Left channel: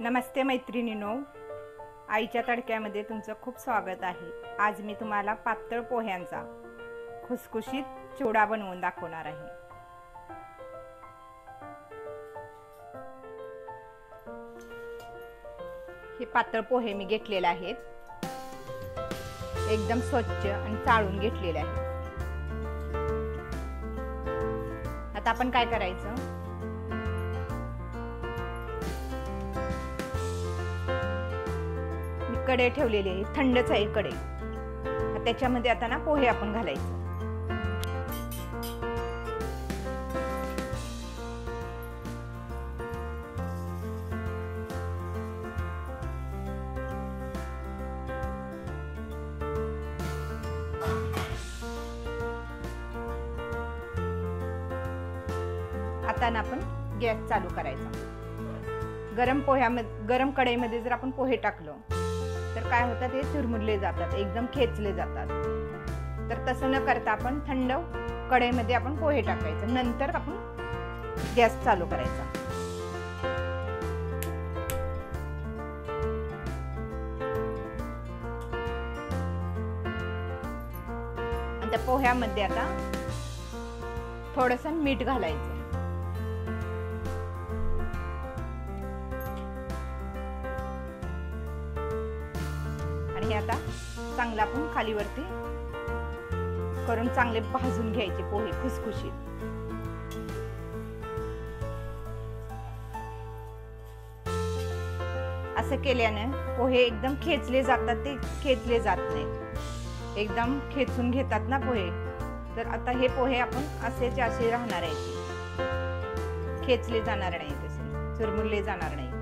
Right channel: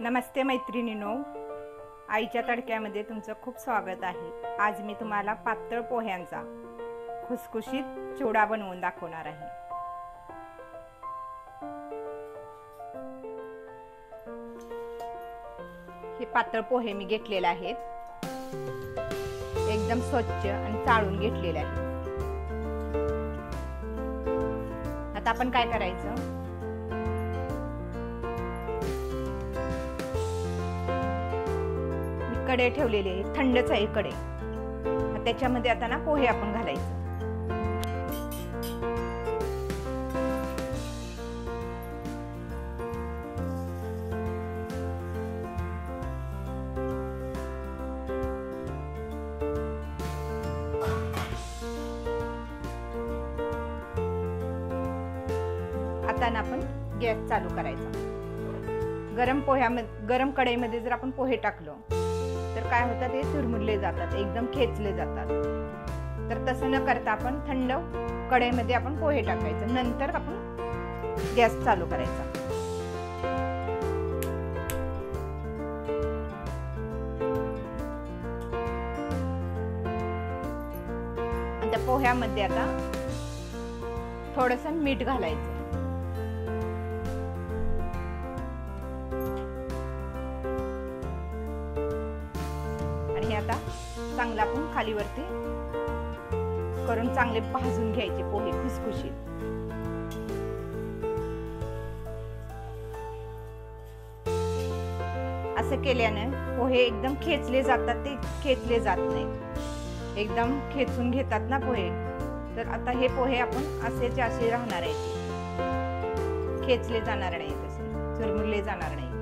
नमस्ते मैत्रिणींनो, आईच्या तडक्यामध्ये तुमचं खूप स्वागत आहे। आज मी तुम्हाला पातळ पोह्यांचा खुसखुशीत चिवडा बनवून दाखवणार आहे। हे पातळ पोहे मी घेतलेले आहेत, एकदम स्वच्छ आणि चाळून घेतलेले आहेत। आता आपण काय करायचं, कढई ठेवलेली आहे, थंडच आहे कढई। त्याच्यामध्ये आता ना पोहे आपण घालायचं। आता ना आपण गॅस चालू करायचा। गरम कढईमध्ये जर आपण पोहे टाकलो तर काय होतं, ते चुरमुरले जातात, एकदम खेचले जातात। तर तसं न करता आपण थंड कढईमध्ये आपण पोहे टाकायचं, नंतर आपण गॅस चालू करायचा। आणि त्या पोह्यामध्ये आता थोडंसं मीठ घालायचं। हे आता चांगलं आपण खाली वरती करून चांगले भाजून घ्यायचे पोहे खुसखुशीत। असं केल्याने पोहे एकदम खेचले जातात, ते खेचले जात नाहीत, एकदम खेचून घेतात ना पोहे। तर आता हे पोहे आपण असेच असे राहणार आहेत, खेचले जाणार नाही, तसे चुरमुरले जाणार नाही।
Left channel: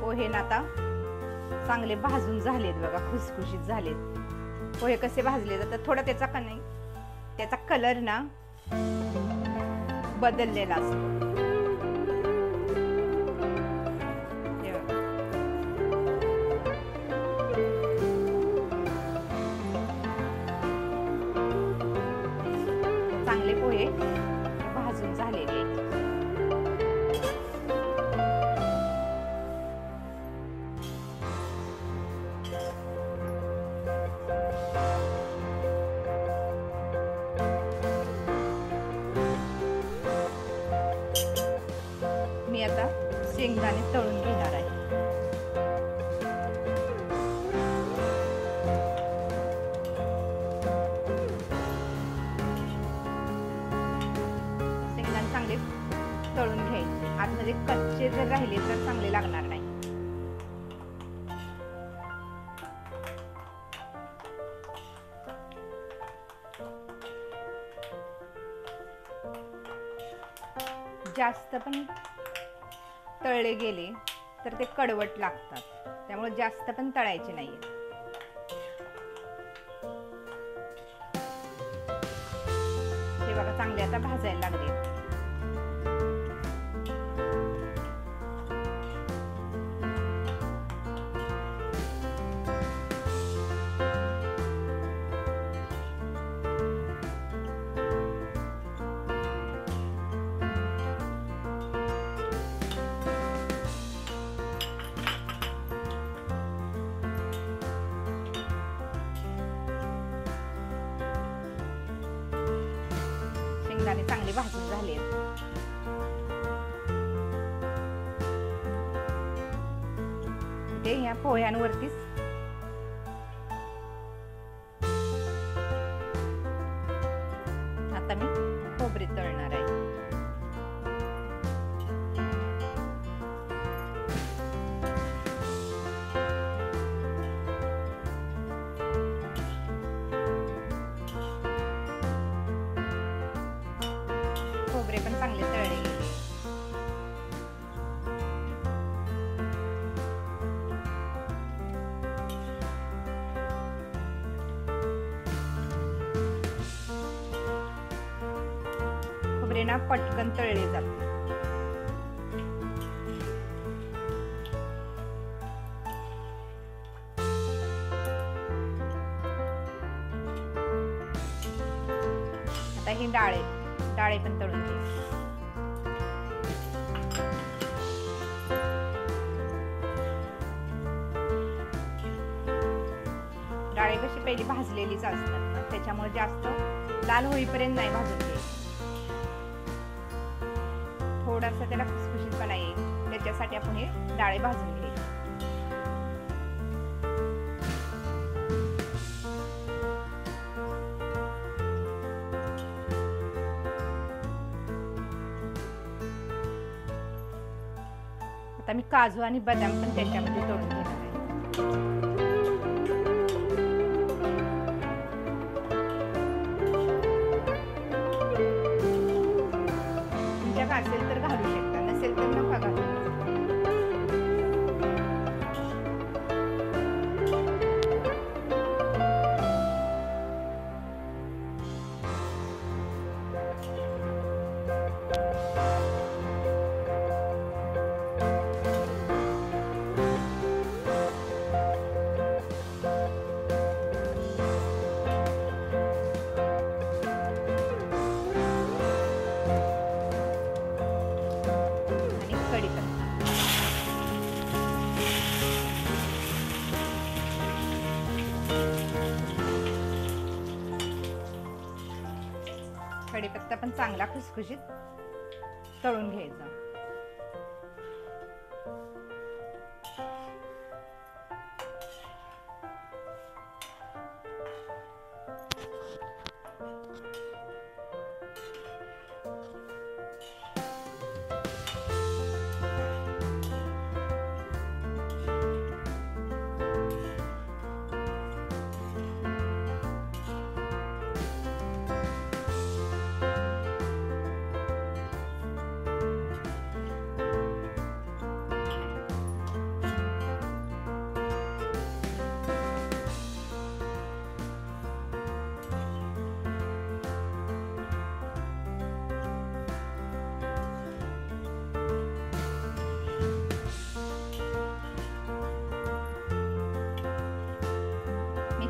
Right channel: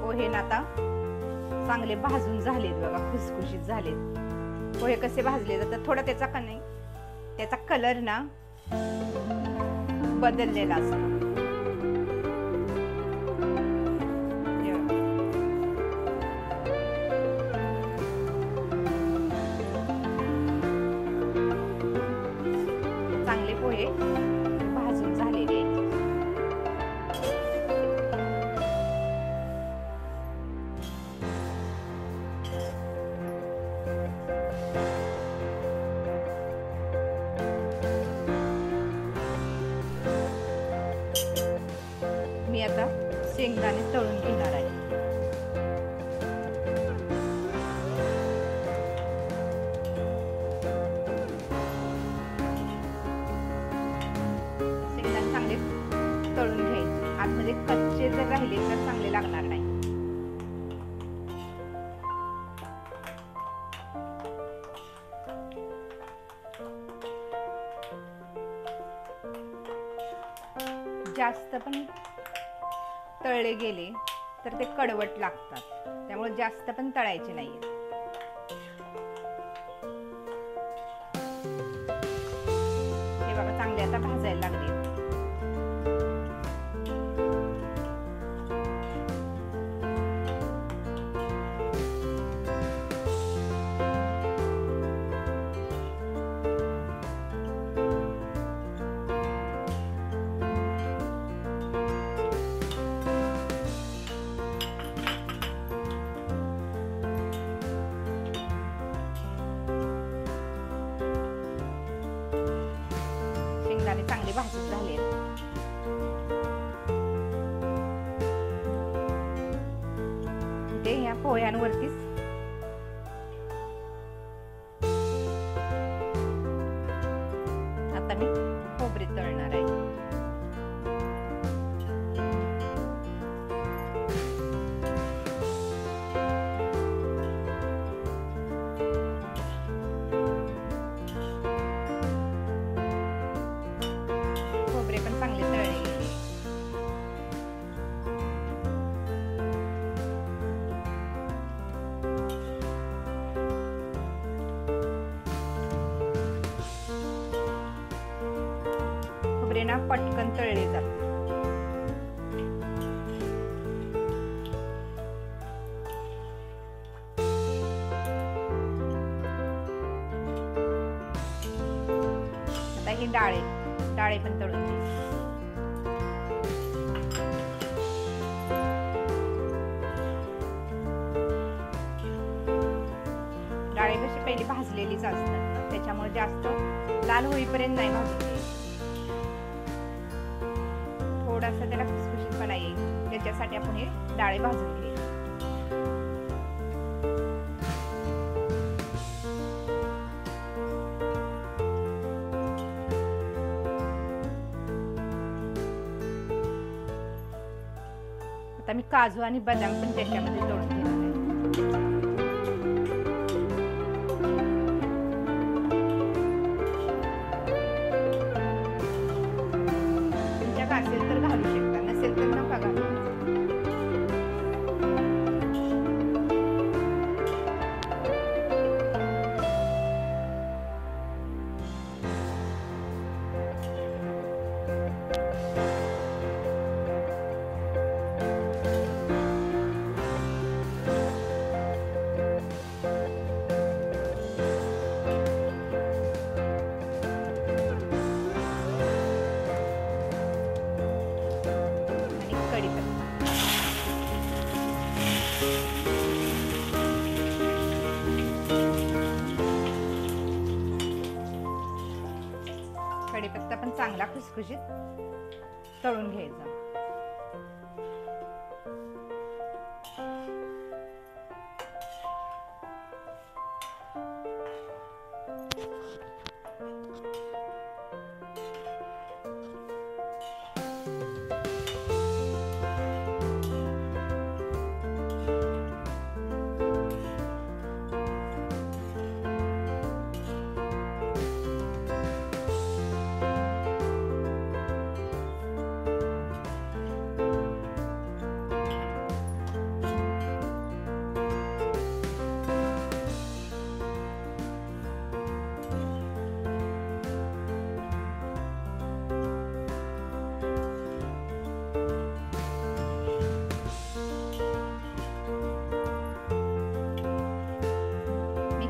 पोहे ना आता चांगले भाजून झालेत बघा, खुसखुशीत झालेत। पोहे कसे भाजले जातात, थोडा त्याचा कलर ना बदललेला असतो। चांगले पोहे भाजून झालेले आहेत। मी आता शेंगदाणे तळून घेणार आहे। शेंगदाणे चांगले तळून घ्यायचे, आतमध्ये कच्चे जर राहिले तर चांगले लागणार नाही। जास्त पण तळले गेले तर ते कडवट लागतात, त्यामुळे जास्त पण तळायचे नाहीये। हे बघा चांगले आता भाजायला लागले। शेंगदाणे चांगले भाजून झाले। इथे ह्या पोह्यांवरतीच आता मी खोबरे तळणार आहे। खोबरे पण चांगले तळले गेले। खोबरे ना पटकन तळले जाते। आणि डाळे पण तळून घ्यायचे. डाळे कशी पहिली भाजलेलीच असतात ना, त्याच्यामुळे जास्त लाल होईपर्यंत नाही भाजून घ्यायची. थोडासा त्याला खुसखुशीतपणा येईल त्याच्यासाठी आपण हे डाळे भाजून घ्यायचे. आता मी काजू आणि बदाम पण त्याच्यामध्ये तळून घेणार आहे. तुमच्याकडे असेल तर घालू शकता, नसेल तर नका घालू. कढीपत्ता, कढीपत्ता पण चांगला खुसखुशीत तळून घ्यायचा.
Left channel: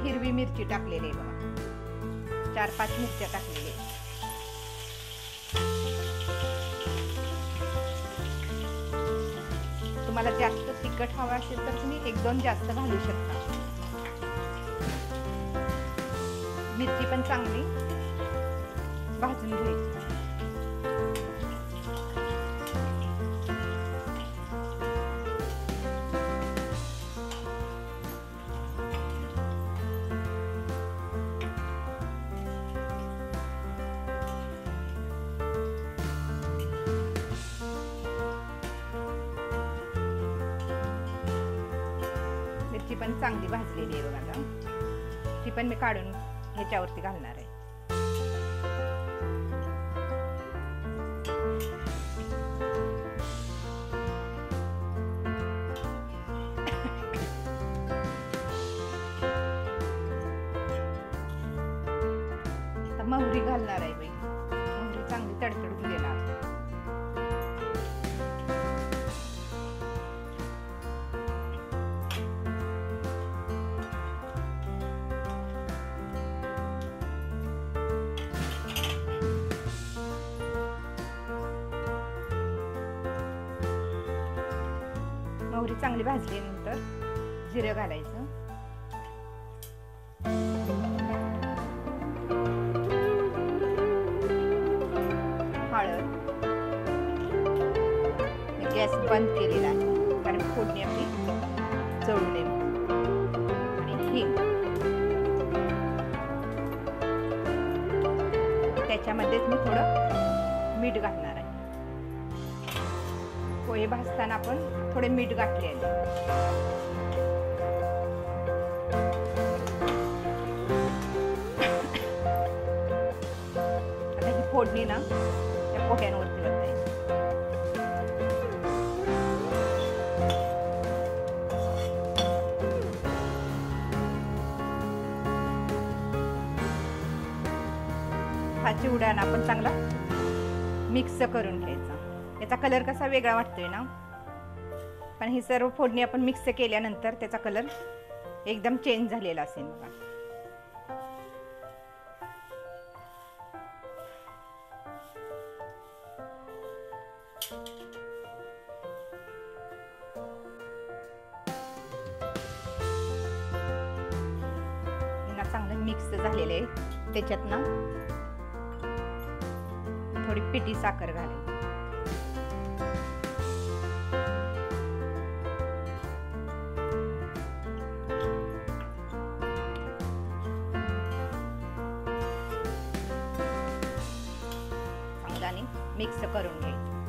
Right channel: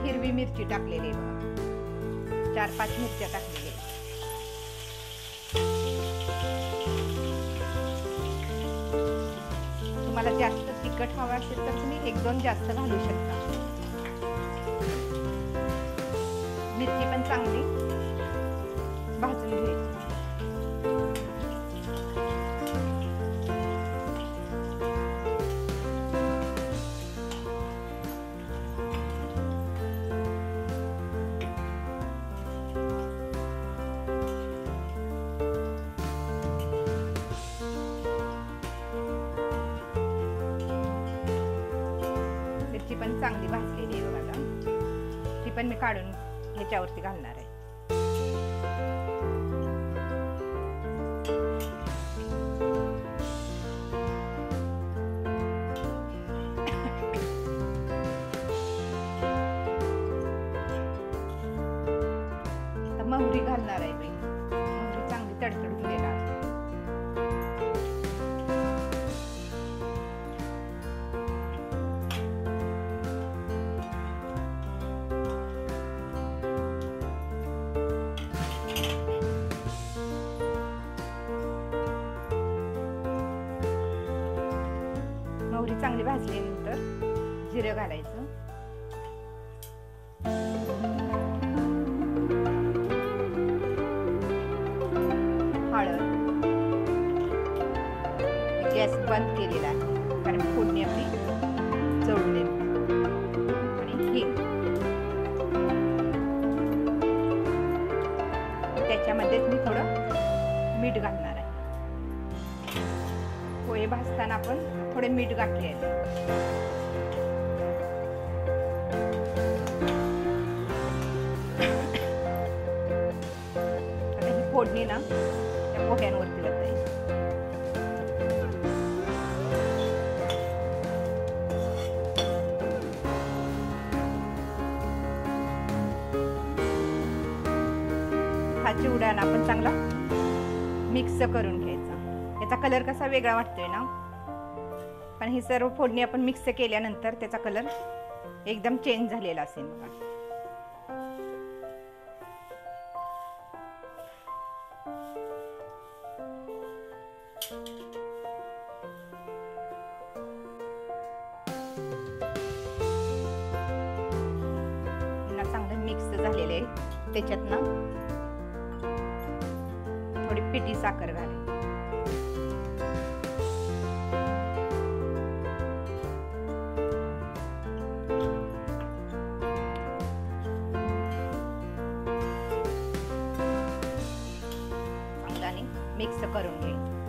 हिरवी मिरची टाकलेली आहे बघा, 4-5 मिरच्या टाकलेल्या आहेत. तुम्हाला जास्त तिखट हवं असेल तर तुम्ही 1-2 जास्त घालू शकता. मिरची पण चांगली भाजून घ्यायची. मिरची पण चांगली भाजलेली आहे बघा, ती पण मी काढून ह्याच्यावरती घालणार आहे. आता मोहरी घालणार आहे बाई, मोहरी चांगली तडतडून देणार. मोहरी चांगली भाजल्यानंतर जिरं घालायचं, हळद. गॅस बंद केलेला आहे कारण फोडणी आपली जळू नये. आणि हिंग, त्याच्यामध्येच मी थोडं मीठ घालणार आहे. पोहे भाजताना आपण थोडे मीठ घातले आहे. आता ही फोडणी ना त्या पोह्यांवरती वतायची. हा चिवडा ना आपण चांगला मिक्स करून घ्यायचा. याचा कलर कसा वेगळा वाटतोय ना, पण ही सर्व फोडणी आपण मिक्स केल्यानंतर त्याचा कलर एकदम चेंज झालेला असेल बघा. मिक्स झालेले आहे त्याच्यात ना थोडी पिठी साखर घालायची. चांगल्याने मिक्स करून घ्यायचं.